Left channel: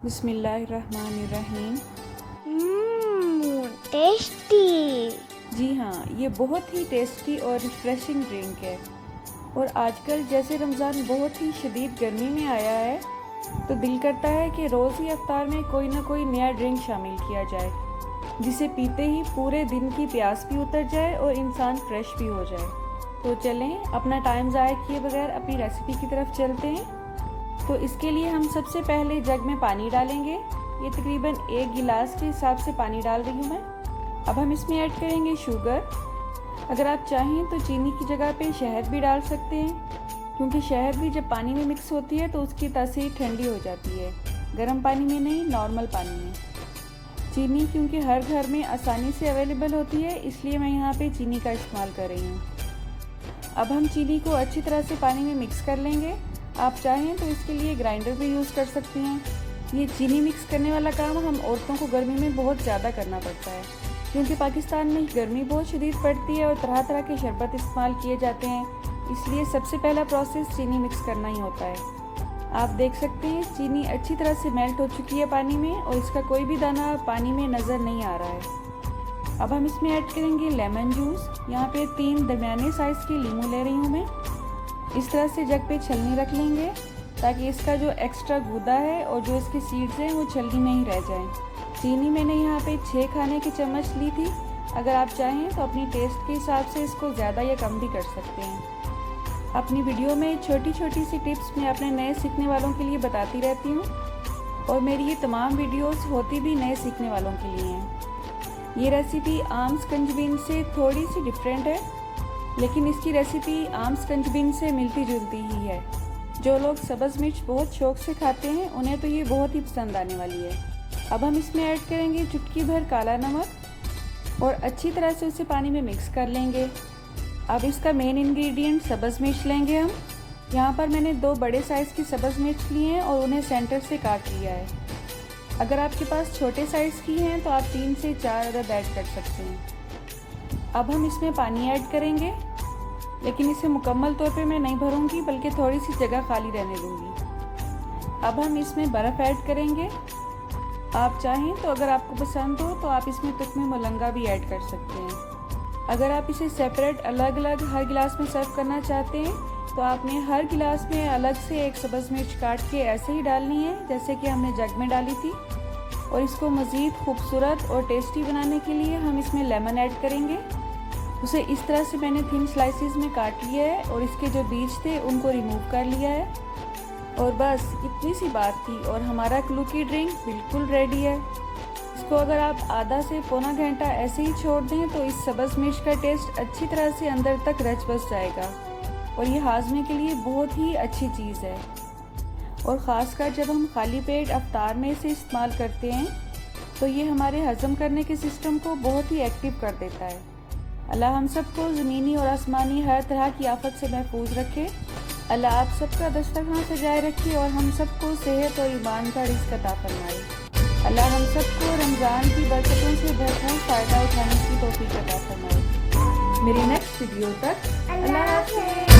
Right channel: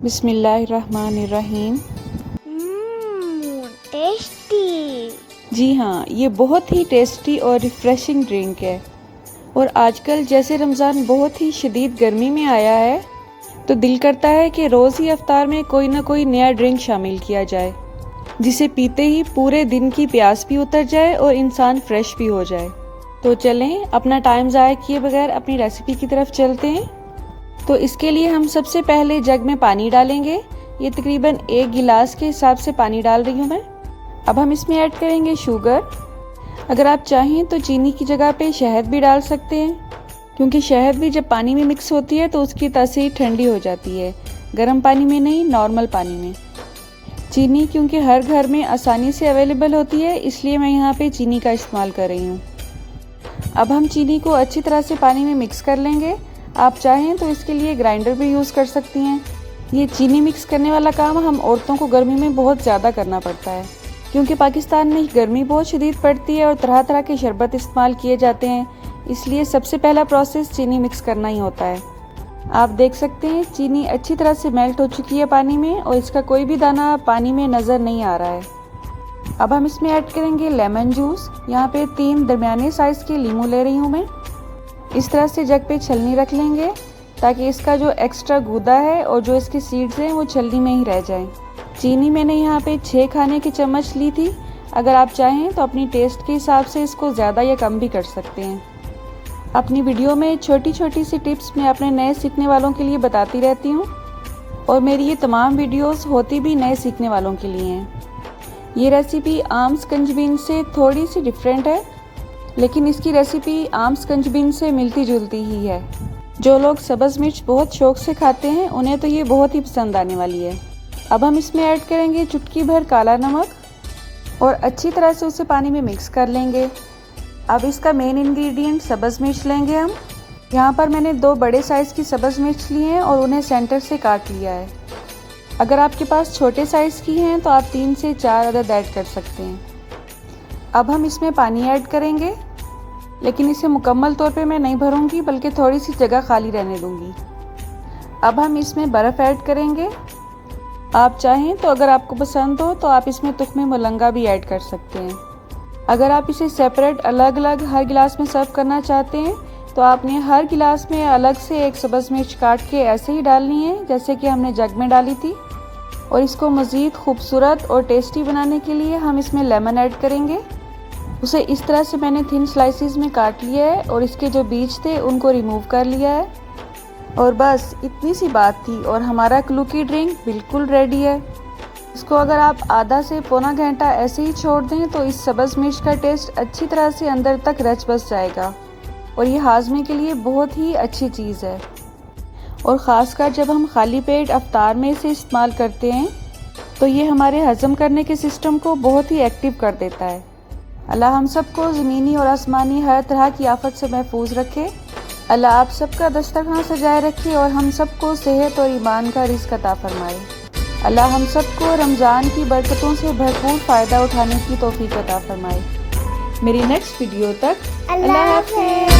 बिस्मिल्लाहिर्रहमानिर्रहीम। टेस्टी। जी हाँ, ये बहुत ही टेस्टी और रिफ़्रेशिंग ड्रिंक है। और आजकल जैसे रमज़ान बहुत ही शदीद गर्मी में आया है, तो दिल करता है कि रोज़ ही इफ्तार में कोई ना कोई नया ड्रिंक शामिल किया जाए, जिसे पीते ही पूरे दिन की प्यास भी उतर जाए और इंसान फ्रेश भी हो जाए। तो चलें, अपना टाइम ज़ाया किए बगैर अपनी रेसिपी की तरफ चलते हैं। तो इसके लिए हम सबसे पहले जग में पानी डालेंगे। ये तकरीबन 1 गिलास के हिसाब से पानी डाल रही हूँ मैं। अब हम इसमें ऐड करेंगे शुगर। अगर आप चाहें तो चीनी की जगह पे शहद भी डाल सकते हैं, क्योंकि शहद भी जब पानी में मिक्स होती है तो उसकी तासीर ठंडी हो जाती है, गर्म पानी में नहीं, नॉर्मल पानी में। चीनी क्योंकि हर घर में आसानी से अवेलेबल होती है, इसलिए मैं यहाँ पे चीनी का इस्तेमाल कर रही हूँ। अब हम चीनी को अच्छी तरह से पानी में मिक्स कर लेंगे। आप चाहें तो इसके लिए ग्राइंडर भी यूज़ कर सकती हैं। ये चीनी मिक्स करने वाला काम हम औरतों को गर्मी में बहुत ज़्यादा करना पड़ता है, क्योंकि पाकिस्तान में गर्मी बहुत शदीद पड़ती है और तरह तरह के शरबत इस्तेमाल किए जाते हैं, इसलिए सबसे पहला प्रोसेस चीनी मिक्स करना ही होता है। आप देख सकते हैं चीनी अच्छी तरह से मेल्ट हो चुकी है पानी में, और इसका कोई भी दाना पानी में नज़र नहीं आ रहा है। अब हम इसमें ऐड करेंगे लेमन जूस। यहाँ पे 3 दरमियाने साइज़ के लीमू ले रही हूँ मैं। इस तरह से जग पे छलनी रख लेंगे, ताकि इसका जो एक्स्ट्रा गूदा है और जो इसके सीड्स हैं वो छलनी में ही रह जाएं। चीनी मैंने यहाँ पे 6 खाने की चम्मच ली थी। अगर आप चाहें तो अपनी टेस्ट के हिसाब से इसको ज़्यादा या कम भी कर सकते हैं। अपनी वीडियो में छोटी छोटी सी टिप्स मैं अपने नए सीखने वालों के लिए बताती रहती हूँ, और मेरी ये तमाम वीडियोस होती भी नए सीखने वालों के लिए हैं। ये रेसिपी आम स्कंजबीन से थोड़ी सी डिफरेंट है, लेकिन इसकी रेसिपी आम स्कंजबीन से मिलती जुलती ही है। जो लोग सब्ज़ मिर्च बहुत शौक से खाते हैं, उन्हें तो ये बहुत ही पसंद आने वाली है। अब हम इसमें ऐड करेंगे चुटकी भर काला नमक, और अच्छी तरह से उसे पानी में मिक्स कर लेंगे। अब इसका मेन इंग्रेडिएंट सब्ज़ मिर्च लेंगे हम। यहाँ पर मैंने 2 बड़े साइज़ की सब्ज़ मिर्च ली हैं और उन्हें सेंटर से काट लिया है। अगर आपके पास छोटे साइज़ की हैं तो आप 3 से 4 अदद ऐड कर सकते हैं। अब हम इसमें पानी ऐड करेंगे, लेकिन इसे मुकम्मल तौर पे मैं नहीं भरूंगी, बल्कि थोड़ी सी जगह खाली रहने दूंगी। अब हम इसमें बर्फ़ ऐड करेंगे। आप चाहें तो अगर आपको पसंद हो तो आप इसमें तुख्मे मुलंगा भी ऐड कर सकते हैं। अगर आप इसे सेपरेट अलग अलग हर गिलास में सर्व करना चाहते हैं, तो आपने हर गिलास में अलग से एक सब्ज़ मिर्च काट के ऐसे ही डालनी है, जैसे कि हमने जग में डाली थी। और इसको मज़ीद खूबसूरत और टेस्टी बनाने के लिए हम इसमें लेमन ऐड करेंगे। उसे इस तरह से मैंने थिन स्लाइसिस में काट लिया है, और इसके जो बीज थे उनको रिमूव कर लिया है। और बस इतनी सी बात थी और हमारा क्लूकी ड्रिंक बिल्कुल रेडी है। इसको अगर आप आधा से पौना घंटा ऐसे ही छोड़ दें तो इस सब्ज़ मिर्च का टेस्ट अच्छी तरह से अंदर तक रच बस जाएगा, और ये हाजमे के लिए बहुत ही अच्छी चीज़ है। और ख़ासकर जब हम खाली पेट अफ्तार में इसे इस्तेमाल करते हैं, तो ये हमारे हज़म करने के सिस्टम को बहुत ही एक्टिव कर देता है। अल्लाह हम सबको ज़मीनी और आसमानी हर तरह की आफत से महफूज रखे। अल्लाह आप सबका दस्तरखान सजाए रखे, और हम सबको सेहत और ईमान का रिज़्क़ अता फरमाए। अल्लाह हम सबको रमज़ान की बरकतों से भरपूर फ़ायदा उठाने की तौफ़ीक़ अता फरमाए। मेरी नेक्स्ट वीडियो तक अल्लाह हाफ़िज़।